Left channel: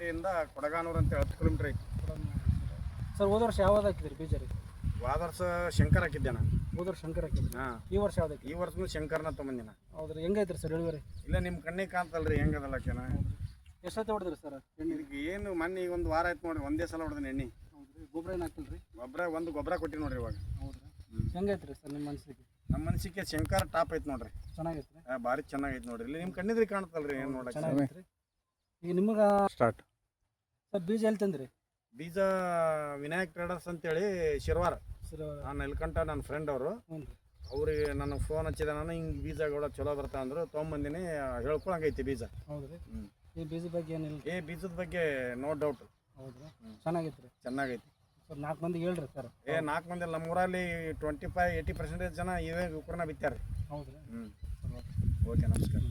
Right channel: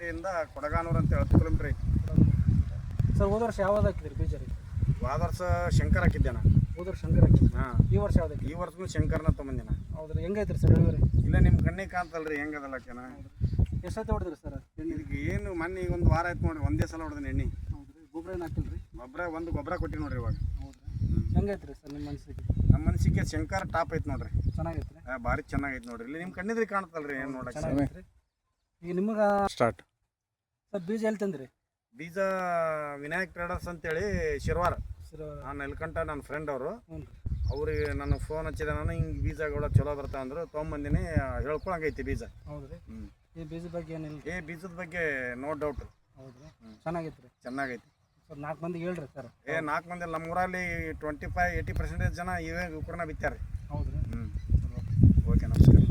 ಚಿಕ್ಕೋಟಿಯಿಂದ ಕೊಡಗಾನೂರು ಅಂತ 10 ಕಿಲೋಮೀಟರ್ ಐತಿ ಸರ್ ಹೋದ ವರ್ಷ ಯಾವ್ದು ಹಾಕಿದ್ರಿ ಬೀಜ ರೀ? ಹೋದ ವರ್ಷ ಶಂಕರ್ ಹಾಕಿದ್ದೆ ನಾನು. ಹೋದ ವರ್ಷ ಶಂಕರ್ ಹಾಕಿದ್ರಿ. ಹಾಂ, ಈ ವರ್ಷ ಯಾವ್ದು ಹಾಕಿದ್ರಿ? ಈ ವರ್ಷನೂ ಶಂಕರ್ನ ತೊಗೊಂಬಂದಿನ. ಹೌದ್ರಿ, ಹೆಂಗೈತ್ರಿ ಸರ್ ಇಳುವರಿ? ಇಲ್ಲ ನಿಮ್ಮ ಕಣ್ಣಿಗೆ ಕಾಣ್ತಲ್ರಿ ಹೆಂಗದಲ್ಲ ಕೆನ. ಎಷ್ಟೊತ್ತು ಹೊಡೆದ್ರಿ ಸರ್ ಎಣ್ಣೆ? ಇದಕ್ಕೆ ಏನು ಮೊನ್ನೆ ಈಗ 1 ವಾರ ಆಯ್ತು ನೋಡ್ರಿ, ಒಂದೇ ಸಲ ಹೊಡೆದಿನಿ ಎಣ್ಣೆ. ಹೌದ್ರಿ, ಗೊಬ್ಬರ ಏನು ಹಾಕಿಲ್ರಿ? ಗೊಬ್ಬರ ಕೊಟ್ಟಿವಿ ನೋಡ್ರಿ ಇವಾಗ. ಹೌದ್ರಿ, ಹೆಂಗೈತ್ರಿ ಸರ್ ನಿಮ್ಮ ಮನಸ್ಸಿಗೆ? ನಮ್ಮ ಮನಸ್ಸಿಗೆ ಶಂಕರ್ ಟಾಪ್ ಐತೆ ನೋಡ್ರಿ. ಚೆನ್ನಾಗೈತ್ರಿ? ಭಾರಿ ಚೆನ್ನಾಗೈತೆ ನೋಡ್ರಿ. ಇಲ್ಲಿ ನಿಮ್ಮ ಕಣ್ಣಿದ್ರಿ ಕಾಣ್ತಲ್ರಿ ಏನು ನೋಡಕ್ಕೆ. ಚೆನ್ನಾಗೈತ್ರಿ. ಈಗ ನಿಮಗೆ ಸ್ಟಾರ್ಟ್ ಸರ್ ಬೀಜ ಎಲ್ಲಿ ತಂದ್ರಿ? ಬೀಜ ವಿನಾಯಕ್ ಟ್ರೇಡರ್ಸ್ ಅಂತೇಳಿ ಶಿರ್ವಾರ. ಸರ್ ನಾನು ನೆಲ್ಕಂಠ ನನ್ನ ಫ್ರೆಂಡ್ ಅವರು. ಹ್ಞೂ ರೀ. ಅವ್ರಿಗೆ ನಾನು ಫೋನ್ ಹಚ್ಚಿದೆ, ನಾನು ಹಿಂಗೆ ಬೀಜಗಳು ಚಲೋ ಬರ್ತಾ ಅಂದರು, ತೊಗೊಂಬಂದಿನಿ. ಹೇಳ್ಕೊಳಂಗೈತಿ ಬೀಜ. ಹೌದ್ರಿ. ಈ ಬೀಜದ ಬಗ್ಗೆ ಏನಿಲ್ಲ? ಬೀಜದ ಬಗ್ಗೆ ನೋ ಡೌಟ್. ಹೌದ್ರಿ, ಚೆನ್ನಾಗೈತ್ರಿ. ಚೆನ್ನಾಗೈತಿ. ಸರ್ 4 ಮಂದಿಗೆ ಹೇಳ್ರಿ ಸರ್. 4 ಮಂದಿ ನಮ್ಮ ಊರಲ್ಲಿ 25-80% ಜನ ಇವೇ ಉಕ್ಕರನ್ನ ಬಿತ್ತಾರೆ. ಹೌದ್ರಿ. ಓಕೆ, ನಮಸ್ಕಾರ.